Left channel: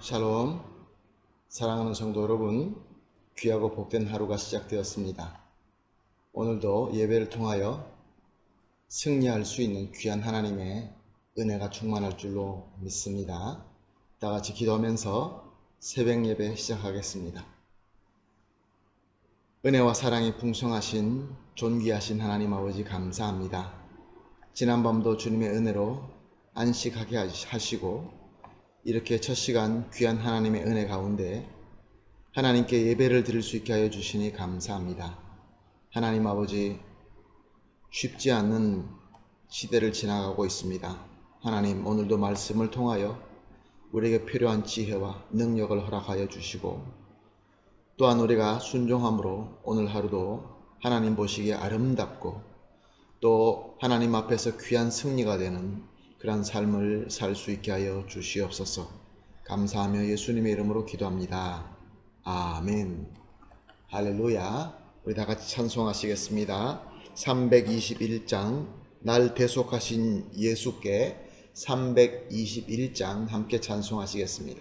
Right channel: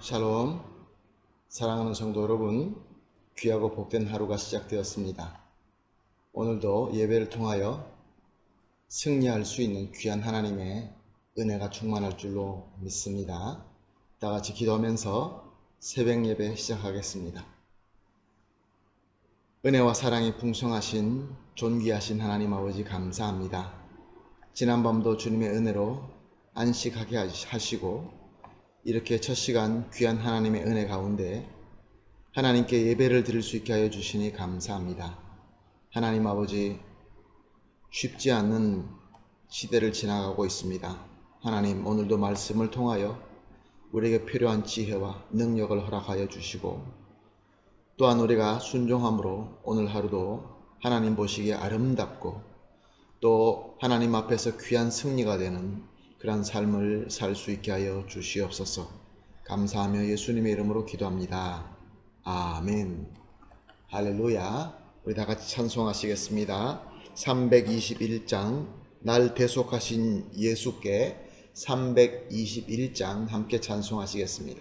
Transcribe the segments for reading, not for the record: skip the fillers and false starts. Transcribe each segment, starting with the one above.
샬롬, 사랑하는 성도 여러분, 귀하고 복된 하루가 시작되었습니다. 오늘도 예배를 통하여 승리할 수 있는 귀한 하나님의 은혜가 충만할 줄로 믿습니다. 다 같이 기도하면서 새벽 예배 시작하겠습니다. 은혜와 사랑이 풍성하신 존귀하신 하나님 아버지 감사합니다. 지난밤도 주님의 은혜로 안식하게 하시고 이렇게 첫 시간 귀한 하나님의 은혜 가운데 하나님께 예배를 드릴 수 있게 하여 주시니 감사합니다. 하나님 아버지, 쉽지 않는 시대를 지나가고 있습니다. 하나님, 오늘도 말씀을 통하여 우리에게 필요한 지혜와 능력을 허락하여 주시고 또한 우리가 순종함으로 오늘 하루도 하나님 보시기에 아름답고 또 하나님 앞에서 귀한 승리가 되는 그런 삶을 살 수 있게 하여 주시옵소서. 감사하며 예수님의 이름으로 기도합니다. 아멘. 할렐루야. 우리 다 같이 찬송하시겠습니다. 321장 날 대속하신 예수께 321장 함께 찬송하시겠습니다.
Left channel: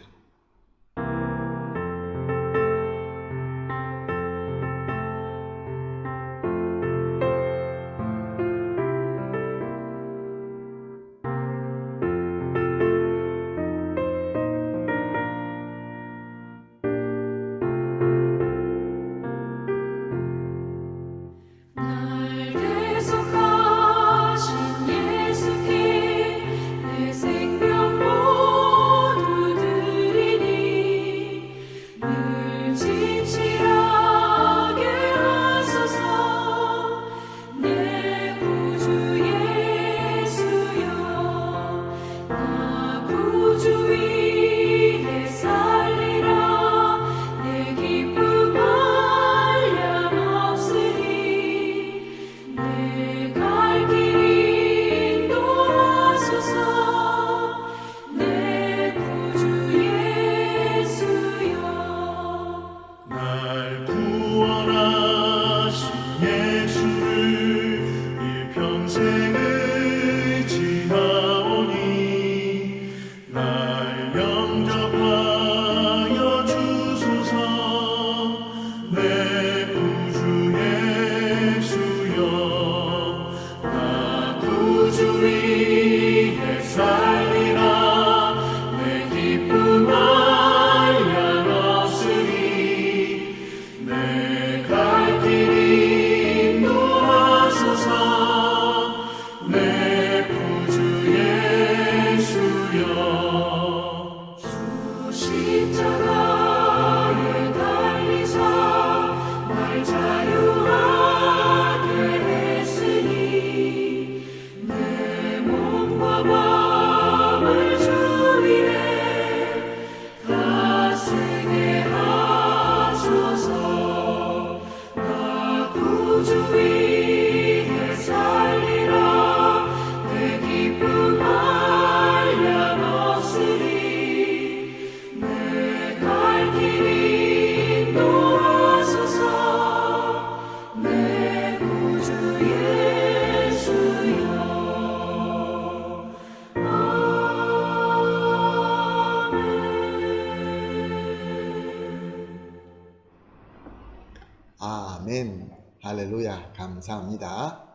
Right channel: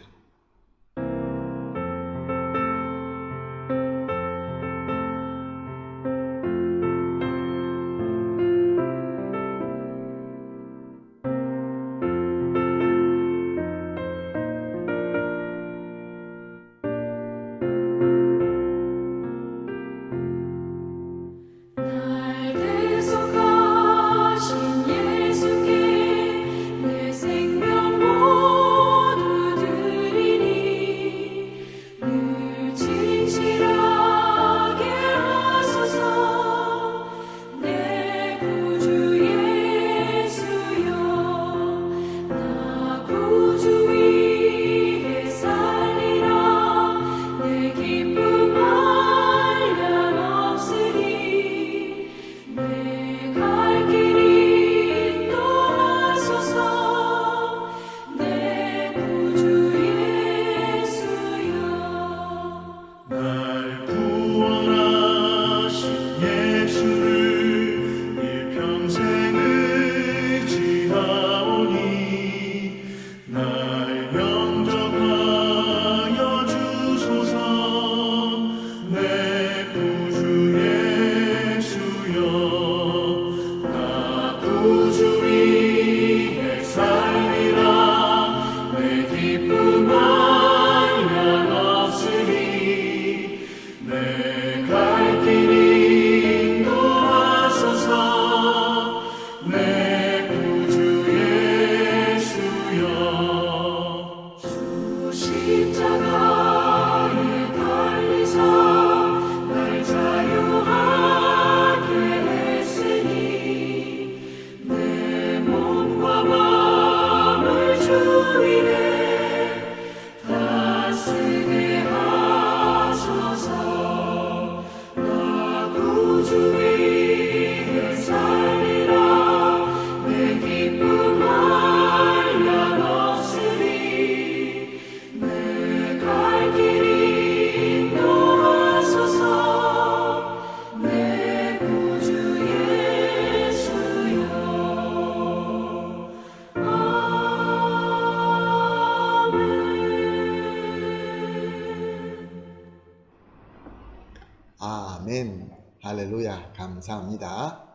아멘. 할렐루야. 감사합니다.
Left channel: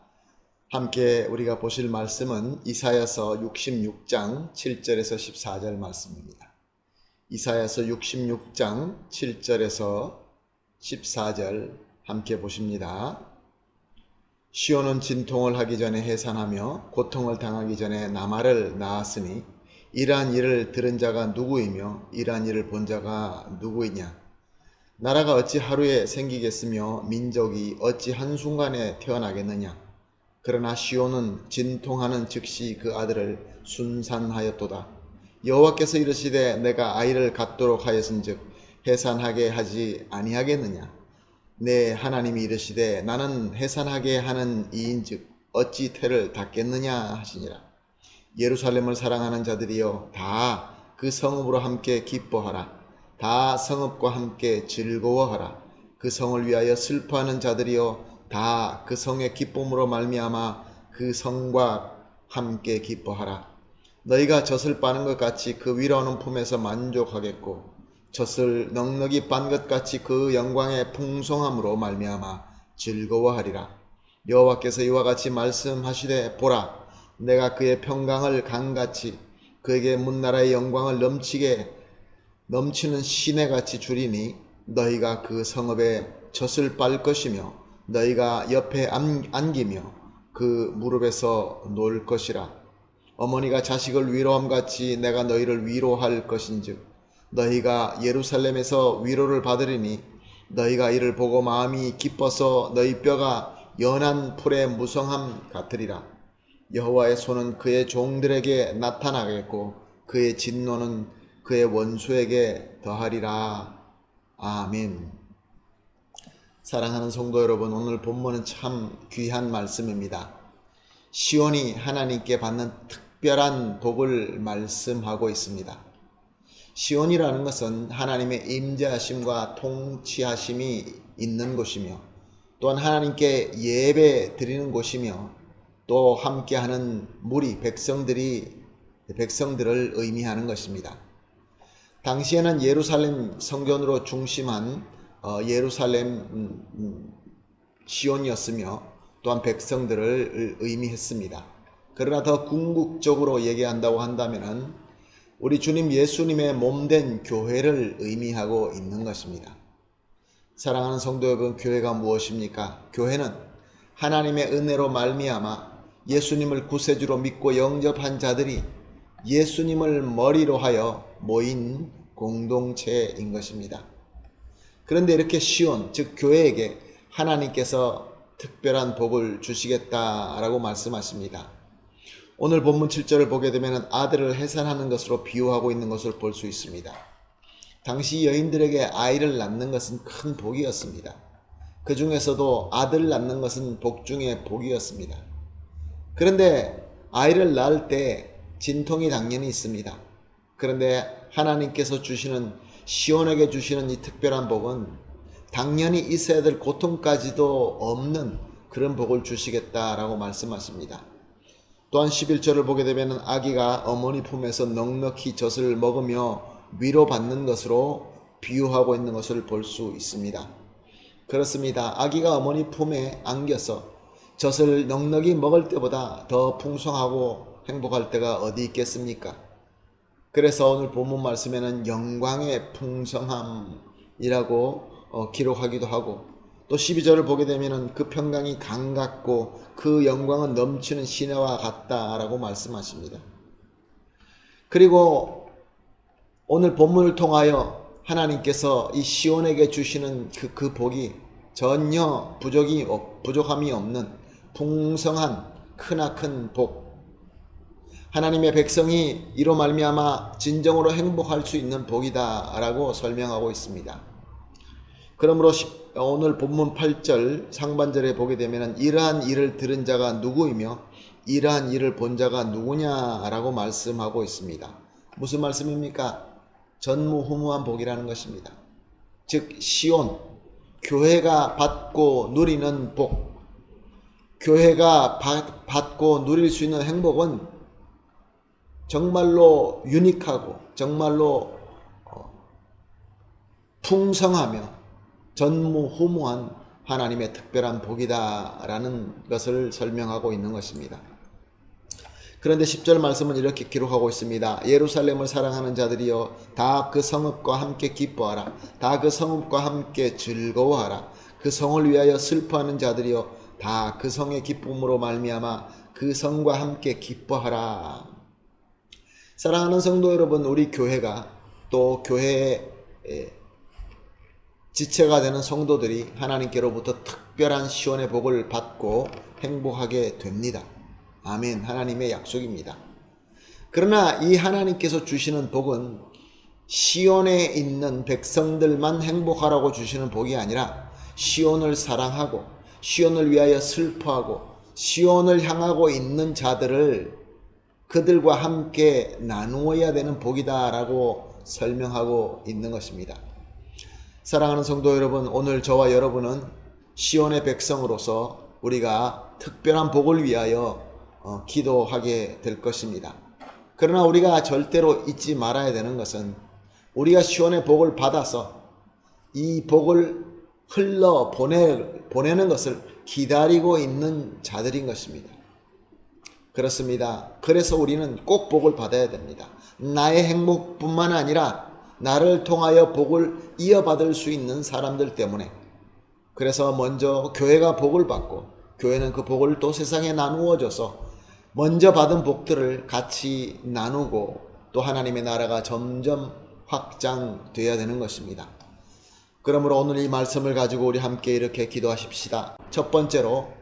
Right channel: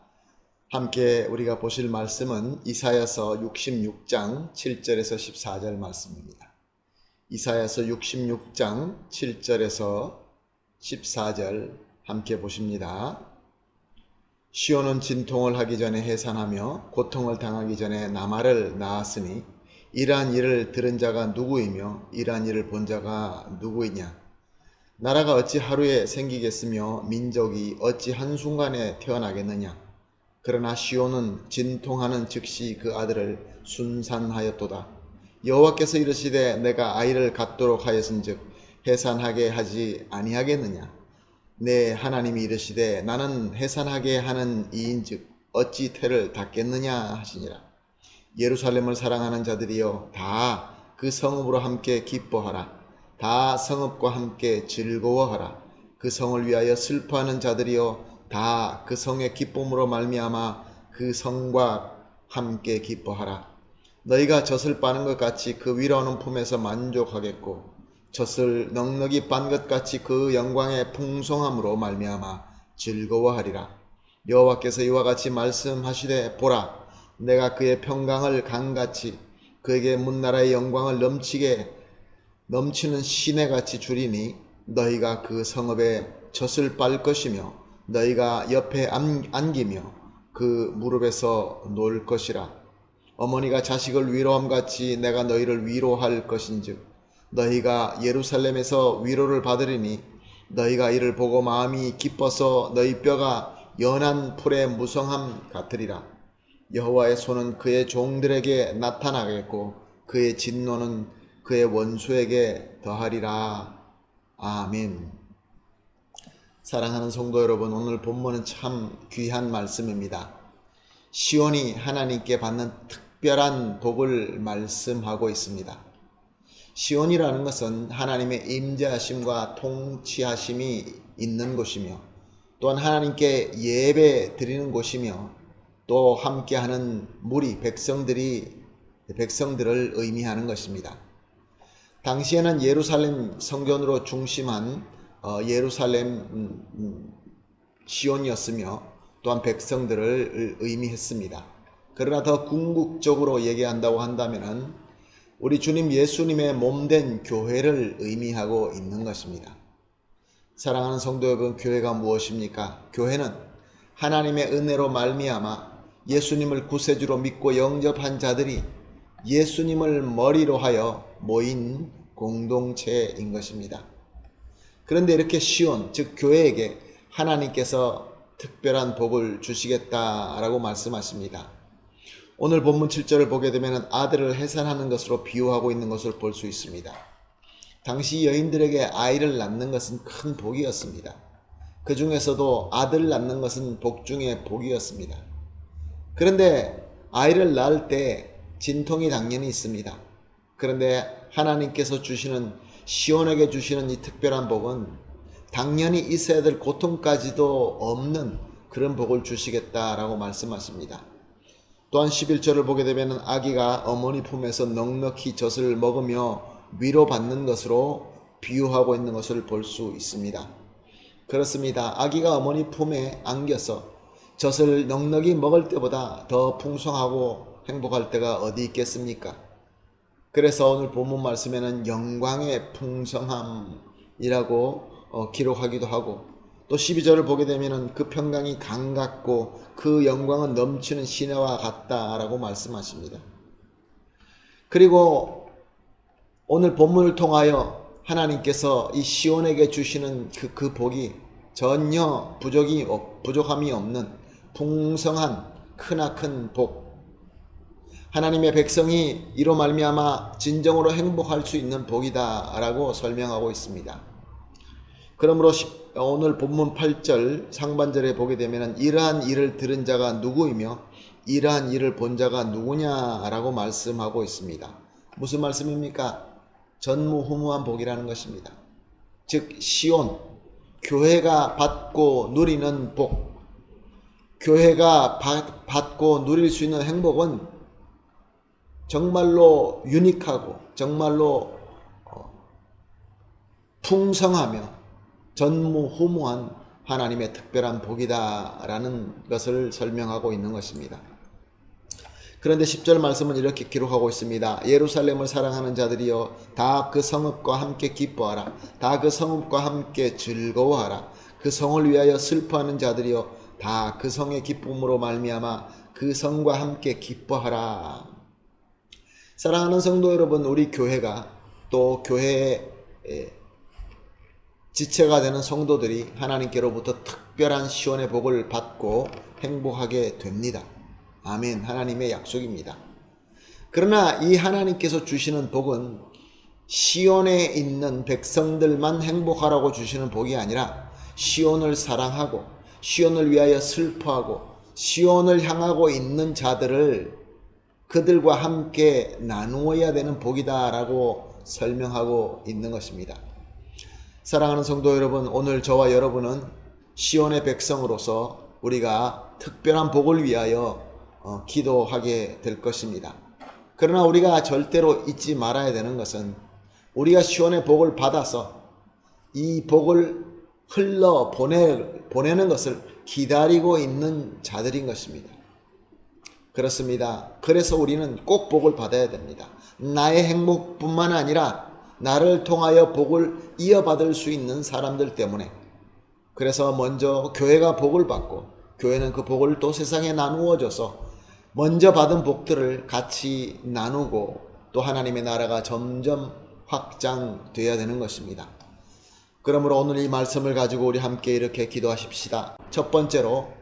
함께 우리가 보실 말씀은 이사야서 66장 7절에서 14절 말씀입니다. 이사야서 66장 7절에서 14절 함께 보십니다. 시온은 진통을 하기 전에 해산하며 고통을 당하기 전에 나말을 낳았으니 이러한 일을 들은 자가 누구이며 이러한 일을 본 자가 누구이냐. 나라가 어찌 하루에 생기겠으며 민족이 어찌 한순간에 태어나겠느냐. 그러나 시온은 진통하는 즉시 그 아들을 순산하였도다. 여호와께서 이르시되 내가 아이를 갖도록 하였은즉 해산하게 하지 아니하겠느냐. 내 하나님이 이르시되 나는 해산하게 하는 이인즉 어찌 태를 닫겠느냐 하시니라. 예루살렘을 사랑하는 자들이여 다 그 성읍으로 함께 기뻐하라. 다 성읍과 함께 즐거워하라. 그 성을 위하여 슬퍼하는 자들이여 다 그 성의 기쁨으로 말미암아 그 성과 함께 기뻐하라. 너희가 젖을 빠는 것 같이 그 위로하는 품에서 만족하겠고 젖을 넉넉히 빤 것 같이 그 영광의 풍성함으로 말미암아 즐거워하리라. 여호와께서 이와 같이 말씀하시되 보라 내가 그의 평강을 강같이 그에게 문나라의 영광을 넘치는 시내같이 주리니 너희가 그 성읍에 젖을 빨 것이며 너희가 옆에 안기며 그 무릎에서 놀 것이라. 어머니가 자식을 위로함같이 내가 너희를 위로할 것인즉 너희가 예루살렘에서 위로를 받으리니 너희가 이를 보고 마음이 기뻐서 너희 뼈가 연한 풀의 무성함 같으리라. 여호와의 손은 그의 종들에게 나타나겠고 그의 진노는 그의 원수에게 더하리라. 아멘. 사랑하는 성도 여러분, 오늘 본문은 참 귀한 말씀입니다. 시온이 하나님께 받는 특별한 복을 말씀하고 있습니다. 시온이라는 것은 하나님의 임재하심과 통치하심이 있는 곳이며 또한 하나님께 예배 드리는 곳이며 또 함께하는 무리 백성들을 의미하는 것입니다. 당시에는 예루살렘 성전으로 중심한 예루살렘 시온이었으며 또한 백성들을 의미했습니다. 그러나 더 궁극적으로 얘기한다고 한다면 우리 주님 예수님의 몸된 교회를 의미하고 있는 것입니다. 사랑하는 성도 여러분, 교회가 무엇입니까? 교회는 하나님의 은혜로 말미암아 예수님을 구세주로 믿고 영접한 자들이 예수님을 머리로 하여 모인 공동체인 것입니다. 그런데 이렇게 시온, 즉 교회에게 하나님께서 특별한 복을 주시겠다라고 말씀하십니다. 오늘 본문 7절을 보게 되면 아들을 해산하는 것으로 비유하고 있는 것을 볼 수 있습니다. 당시 여인들에게 아이를 낳는 것은 큰 복이었습니다. 그 중에서도 아들을 낳는 것은 복 중에 복이었습니다. 그런데 아이를 낳을 때 진통이 당연히 있습니다. 그런데 하나님께서 주시는, 시온에게 주시는 이 특별한 복은 당연히 있어야 될 고통까지도 없는 그런 복을 주시겠다라고 말씀하십니다. 또한 11절을 보게 되면 아기가 어머니 품에서 넉넉히 젖을 먹으며 위로받는 것으로 비유하고 있는 것을 볼 수 있습니다. 그렇습니다. 아기가 어머니 품에 안겨서 젖을 넉넉히 먹을 때보다 더 풍성하고 행복할 때가 어디 있겠습니까? 그래서 오늘 본문 말씀에는 영광의 풍성함이라고 기록하기도 하고 또 12절을 보게 되면 그 평강이 강같고 그 영광은 넘치는 시내와 같다라고 말씀하십니다. 그리고 오늘 본문을 통하여 하나님께서 이 시온에게 주시는 그 복이 전혀 부족함이 없는 풍성한 크나큰 복, 하나님의 백성이 이로 말미암아 진정으로 행복할 수 있는 복이다라고 설명하고 있습니다. 그러므로 오늘 본문 8절 상반절에 보게 되면 이러한 일을 들은 자가 누구이며 이러한 일을 본 자가 누구냐라고 말씀하고 있습니다. 무슨 말씀입니까? 전무후무한 복이라는 것입니다. 즉 시온, 교회가 받고 누리는 복, 교회가 받고 누릴 수 있는 행복은 정말로 유니크하고 정말로 풍성하며 전무후무한 하나님의 특별한 복이다라는 것을 설명하고 있는 것입니다. 그런데 10절 말씀은 이렇게 기록하고 있습니다. 예루살렘을 사랑하는 자들이여 다 그 성읍과 함께 기뻐하라. 다 그 성읍과 함께 즐거워하라. 그 성을 위하여 슬퍼하는 자들이여 다 그 성의 기쁨으로 말미암아 그 성과 함께 기뻐하라. 사랑하는 성도 여러분, 우리 교회가 또 교회의 지체가 되는 성도들이 하나님께로부터 특별한 시온의 복을 받고 행복하게 됩니다. 아멘. 하나님의 약속입니다. 그러나 이 하나님께서 주시는 복은 시온에 있는 백성들만 행복하라고 주시는 복이 아니라 시온을 사랑하고 시온을 위하여 슬퍼하고 시온을 향하고 있는 자들을 그들과 함께 나누어야 되는 복이다라고 설명하고 있는 것입니다. 사랑하는 성도 여러분, 오늘 저와 여러분은 시온의 백성으로서 우리가 특별한 복을 위하여 기도하게 될 것입니다. 그러나 우리가 절대로 잊지 말아야 되는 것은 우리가 시온의 복을 받아서 이 복을 보내는 것을 기다리고 있는 자들인 것입니다. 그렇습니다. 그래서 우리는 꼭 복을 받아야 됩니다. 나의 행복뿐만 아니라 나를 통하여 복을 이어받을 수 있는 사람들 때문에. 그래서 먼저 교회가 복을 받고 교회는 그 복을 또 세상에 나누어 줘서 먼저 받은 복들을 같이 나누고 또 하나님의 나라가 점점 확장되어야 되는 것입니다. 그러므로 오늘 이 말씀을 가지고 우리 함께 이렇게 기도하십시다. 첫 번째로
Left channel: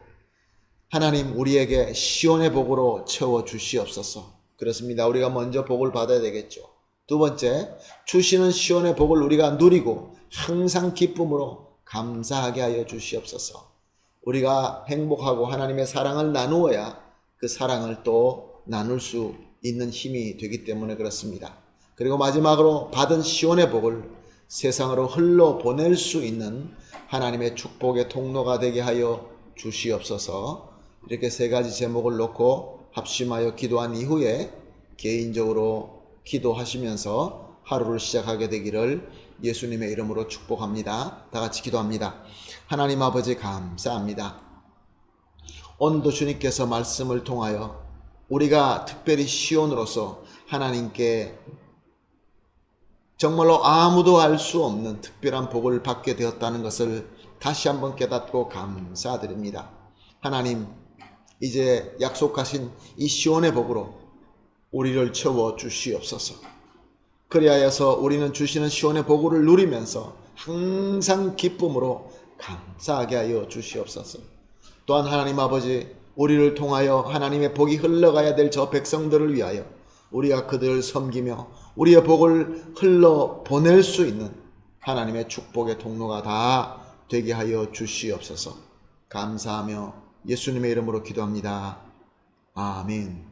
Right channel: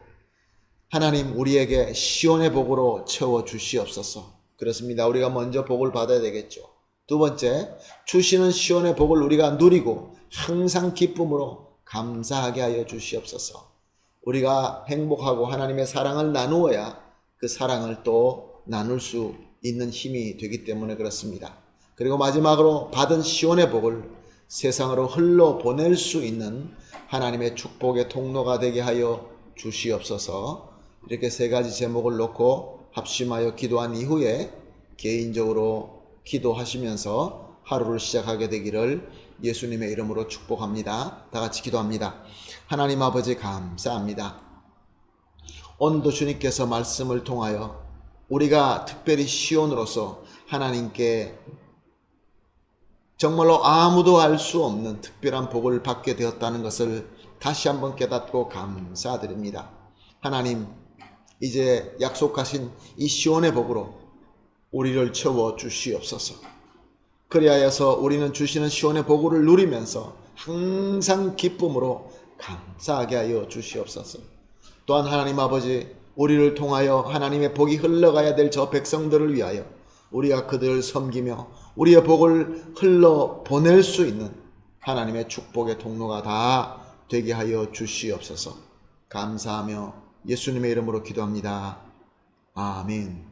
하나님 우리에게 시온의 복으로 채워 주시옵소서. 그렇습니다. 우리가 먼저 복을 받아야 되겠죠. 두 번째, 주시는 시온의 복을 우리가 누리고 항상 기쁨으로 감사하게 하여 주시옵소서. 우리가 행복하고 하나님의 사랑을 나누어야 그 사랑을 또 나눌 수 있는 힘이 되기 때문에 그렇습니다. 그리고 마지막으로 받은 시온의 복을 세상으로 흘러 보낼 수 있는 하나님의 축복의 통로가 되게 하여 주시옵소서. 이렇게 세 가지 제목을 놓고 합심하여 기도한 이후에 개인적으로 기도하시면서 하루를 시작하게 되기를 예수님의 이름으로 축복합니다. 다 같이 기도합니다. 하나님 아버지 감사합니다. 오늘도 주님께서 말씀을 통하여 우리가 특별히 시온으로서 하나님께 정말로 아무도 알 수 없는 특별한 복을 받게 되었다는 것을 다시 한번 깨닫고 감사드립니다. 하나님, 이제 약속하신 이 시온의 복으로 우리를 채워 주시옵소서. 그리하여서 우리는 주시는 시온의 복을 누리면서 항상 기쁨으로 감사하게 하여 주시옵소서. 또한 하나님 아버지, 우리를 통하여 하나님의 복이 흘러가야 될 저 백성들을 위하여 우리가 그들을 섬기며 우리의 복을 흘러 보낼 수 있는 하나님의 축복의 통로가 다 되게 하여 주시옵소서. 감사하며 예수님의 이름으로 기도합니다. 아멘.